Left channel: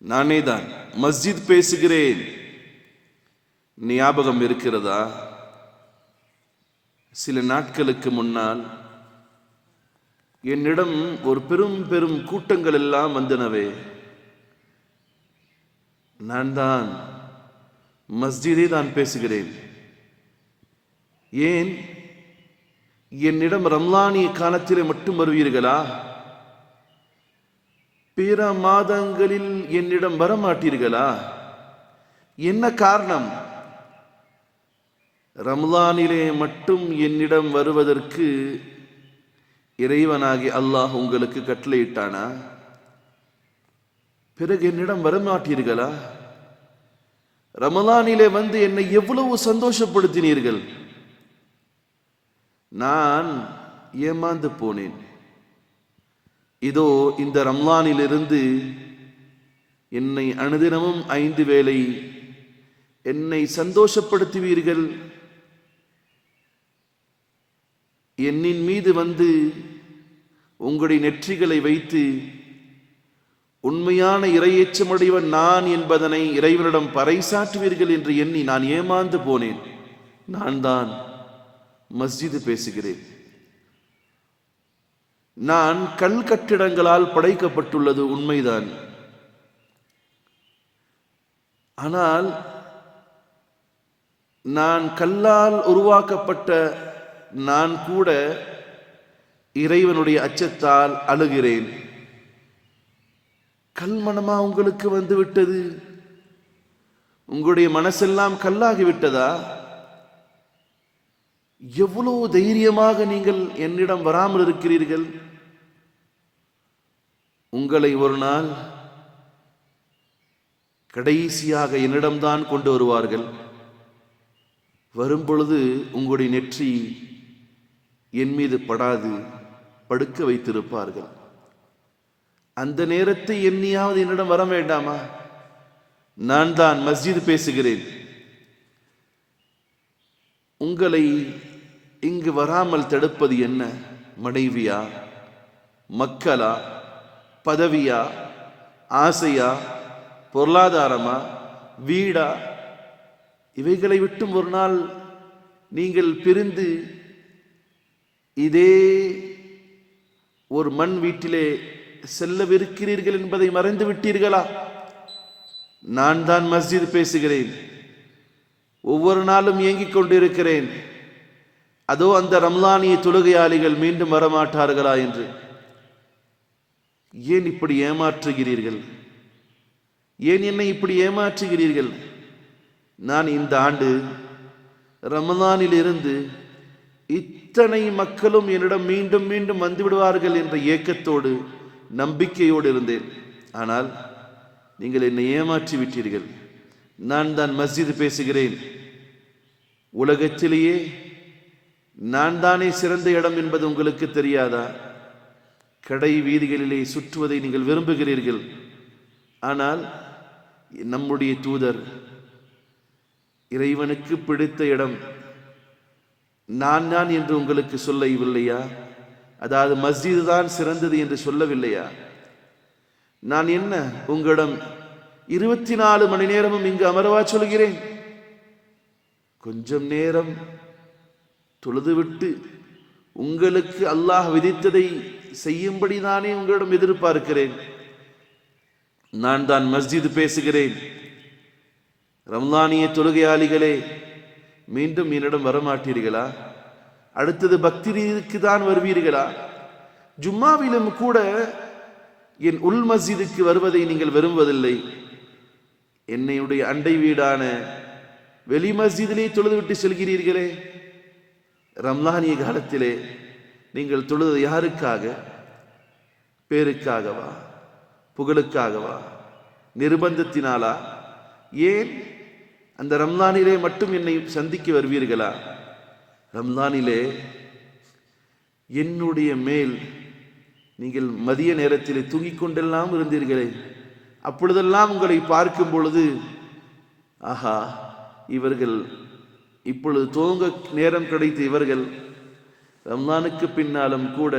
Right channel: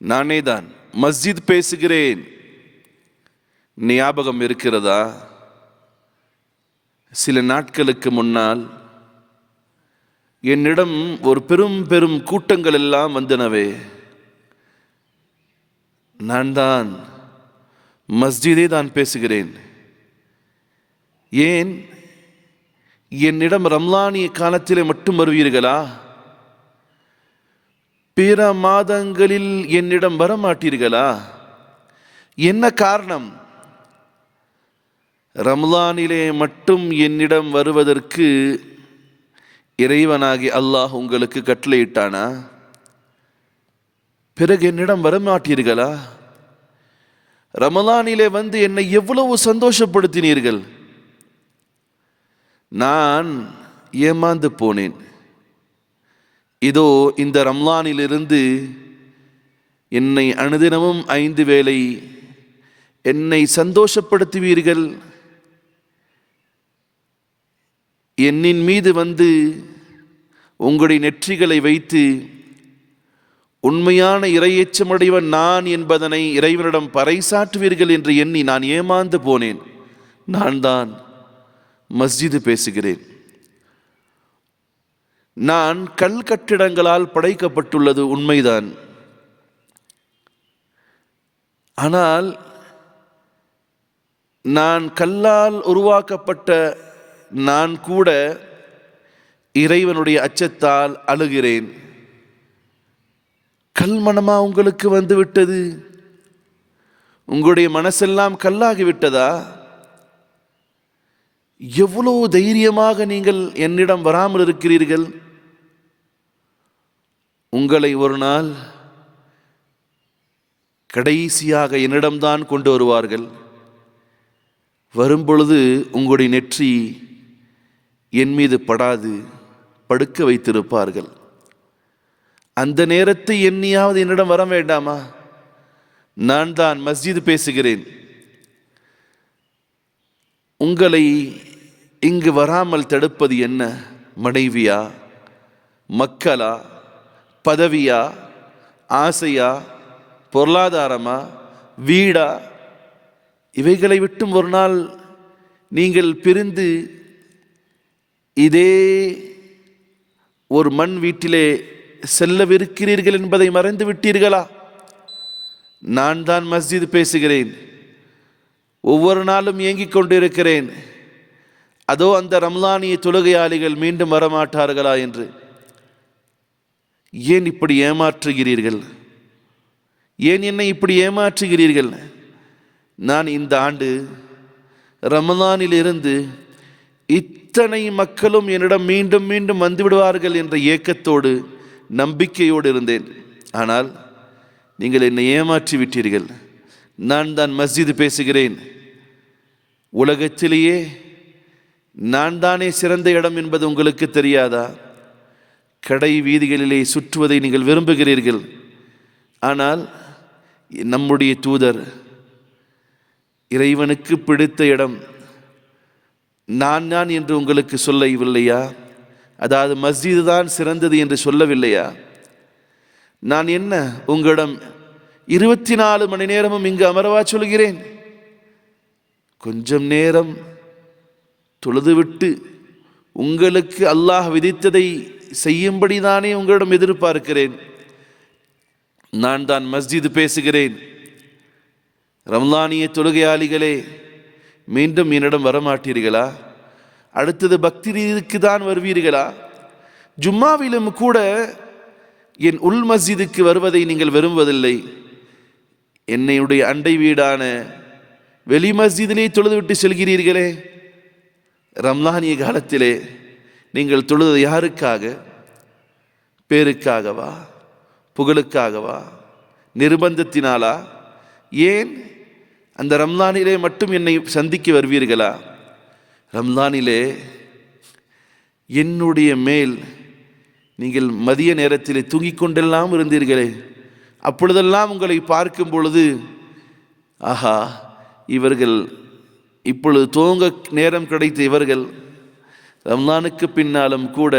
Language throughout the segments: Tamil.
நானே தான் மஸ்ஜித் பேசுகிறேன். ஞாபகம் இருக்கிறதா? சில நாட்களுக்கு முன்னால் என்னிடம் ஒரு பெரும் கூட்டங்கள் எல்லாம் வந்தனவே. நான் தான் மஸ்ஜிதே தான் பேசுகிறேன். ஏன் என்னிடம் ரம்லானிய காலத்திலே மட்டும் வருவீர்களா? பிற மாதங்களில் என்னிடம் வரமாட்டீர்களா? என்ன காரணம்? ரம்லானிலே மட்டும் என்னிடம் வருவதற்கு இறைவனாகி அல்லாஹ் உங்களுக்கு கட்டளையிட்டானா? பிறகு என்னிடம் வரமாட்டீர்களா? ரமலானிலே வந்து என்னை எவ்வளவு சந்தோஷப்படுத்தினீர்கள். நான் ஏமாந்து போனேன். இதோ இந்த ரம்லானிலிருந்து என்னை அனுதினமும் 5 வேளை என்னை சந்தோஷப்படுத்துவீர்கள். என்னின் மீது வந்து உங்களுடைய நெற்றிகளை வைத்து உண்மையான இறையேச்சமுடையவன் நான் என்பதனை இறைவனிடம் பறைசாற்றுவீர்கள் என்று எண்ணி நான் ஏமாந்து போனேன். நான் தான் மஸ்ஜிது பேசுகிறேன். நான் கல் கட்டிடங்களால் படைக்கப்பட்டுள்ளது உண்மைதான். ஆனால் நான் கல்லால் உருவாக்கப்பட்ட நான் கூட இறைவனுடைய அச்சத்தால் அழுகிறேன். கல் மனமா உங்களுக்கு வந்து விட்டது? உங்களுடைய மனசெல்லாம் கல்லாகிவிட்டதா? எவ்வளவு தைரியமாக நீங்கள் என்னிடம் வராமல் இருக்கிறீர்கள். உங்களை ஒரு நாள் கடைசியாக என்னிடம்தான் கொண்டு வருவார்கள். வரும்பொழுது உங்களுடைய நெற்றி என் மீது படாது, படுக்க வைத்திருப்பார்கள். அந்த நேரத்தை எண்ணியாவது என்னிடம் வர வேண்டாமா? நான் தான் மஸ்ஜித் பேசுகிறேன். உங்களை இங்கு வராமல் தடுப்பது என்ன? மனைவியா, மக்களா, பதவியா, ஆசையா, பொருளாதாரமா, வீடா? இவைகளை விட்டும் ஒரு நாள் நீங்கள் பிரிந்து இதே ஒரு மண் வீட்டிலே செல்லவிருக்கிறீர்கள் என்பதை மறந்து விட்டீர்களா? நான் தான் மஸ்ஜித் பேசுகிறேன். ஒவ்வொரு நாளும் ஏங்கிக் கொண்டிருக்கிறேன். அதோ அந்த ரம்லானிய தொழுகையாளிகள் மீண்டும் வரமாட்டார்களா என்று. ஏன் இப்படி ஏமாற்றுகிறீர்கள்? ஏன் என்னை இப்படி ஏமாற்றுகிறீர்கள்? நான் இந்த ஆண்டு ரமலானிலிருந்து இத்தனை மக்களும் என்னிடம் மீண்டும் மீண்டும் வந்துவிடுவார்கள் என்ற ஏக்கத்தோடு நம்பிக்கையோடு இருந்தேன். ஆனால் நீங்கள் என்னை ஏமாற்றி விட்டீர்கள். நான் தான் மஸ்ஜித் பேசுகிறேன். உலகத்திலேயே நான் தானே சிறந்த இடம் என்பது உங்களுக்கு தெரியாதா? கடை வீதிகளிலே சுற்றுவதை நீங்கள் விரும்புகிறீர்கள். ஆனால் நம்முடைய தூதர் இறைவனுக்கு பிடித்த இடம் நான் என்று உங்களுக்கு சொல்லவில்லையா? அதாவது மஸ்ஜிது தான் சிறந்தது என்று சொல்லவில்லையா? நான் என்ன உங்களிடம் 24 மணி நேரமும் இங்கு அமரவா சொல்கிறேன்? கொஞ்சம் நேரம் தொழுதுவிட்டு உங்களுக்கு அல்லாஹ் விதித்ததை செய்யும்படிதானே உங்களிடம் எதிர்பார்க்கிறேன். நான் தான் மஸ்ஜித் பேசுகிறேன். ரம்லானிய தொழுகையாளிகளே, மீண்டும் என்னிடம் வரமாட்டீர்களா? அடுத்தது பக்ரீதுக்கு தான் வருவீர்களா? ஜும்மாவிலும் கூட என் உள் மஸ்ஜிதுக்கு வருவதை நீங்கள் விரும்புவதில்லை. என்னுடைய அண்டை வீடான வெளி மஸ்ஜிதிலே தொழுதுவிட்டு செல்கிறீர்களே. ரம்லானிய காலத்திலே நீங்கள் தொழுது யாருக்காக? பேருக்காகவா? புகழுக்காகவா? நிர்பந்தத்தினாலா? ஏன் அந்த ரம்லானிலே மட்டும் என்னை சந்திக்க வருவீர்களா? ரம்லானிலே என்னுடைய மேல் நீங்கள் மதிய நேரத்திலே தூங்கிக் கொண்டெல்லாம் இருந்தீர்களே. அப்பொழுதெல்லாம் உங்களை பார்க்கும் பொழுது, ஆஹா, இவர்கள் இப்பொழுது தூங்க நேரம் கிடைத்த இவர்கள் ரம்லானுக்கு பின்னாலும் கூட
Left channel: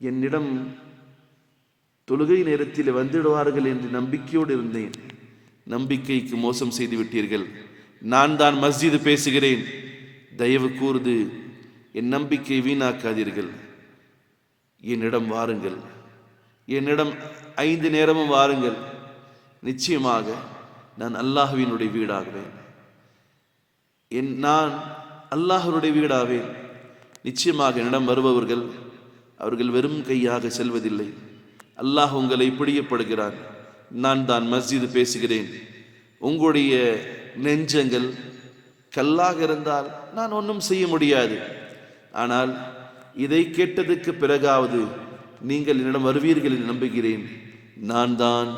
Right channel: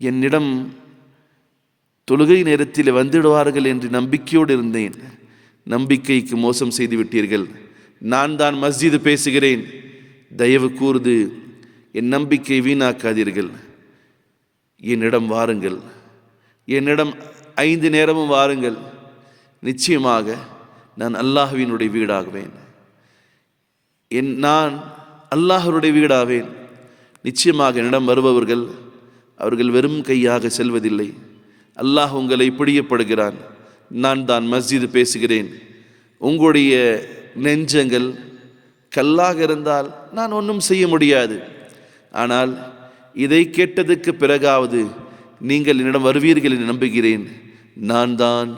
என்னிடம் தொழுகை நேரத்தில் வந்துடுவார்கள் என்று நம்பிக்கையோடு இருந்தேன். நம்பிக்கைக்கு மோசம் செய்து விட்டீர்கள். நான் தான் மஸ்ஜிது பேசுகிறேன், தயவு கூர்ந்து என் நம்பிக்கை வீணாக்காதீர்கள். என்னிடம் வாருங்கள், என்னிடம் 5 நேரமும் வாருங்கள். நிச்சயமாக நான் அல்லாஹ்வினுடைய வீடாகுவேன். நான் அல்லாஹ்வுடைய வீடாவேன். நிச்சயமாக என்னிடம் வருபவர்கள் அவர்கள் வெறும் கையாக செல்வதில்லை. அல்லாஹ் உங்களை பிடிக்கப்படுகிறான். நான் தான் மஸ்ஜிது பேசுகிறேன். உங்களுடைய நெஞ்சங்கள் கல்லாக இருந்தால் நான் ஒன்றும் செய்ய முடியாது. ஆனால் இதை கேட்டதுக்கு பிறகாவது நீங்கள் என்னிடம் வருவீர்கள் என்று நம்புகிறேன். நான் தான்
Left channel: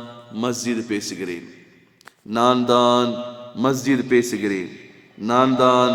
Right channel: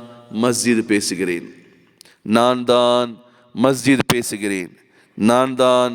மஸ்ஜிது பேசுகிறேன், நான் தான் மஸ்ஜிது பேசுகிறேன், நான் தான்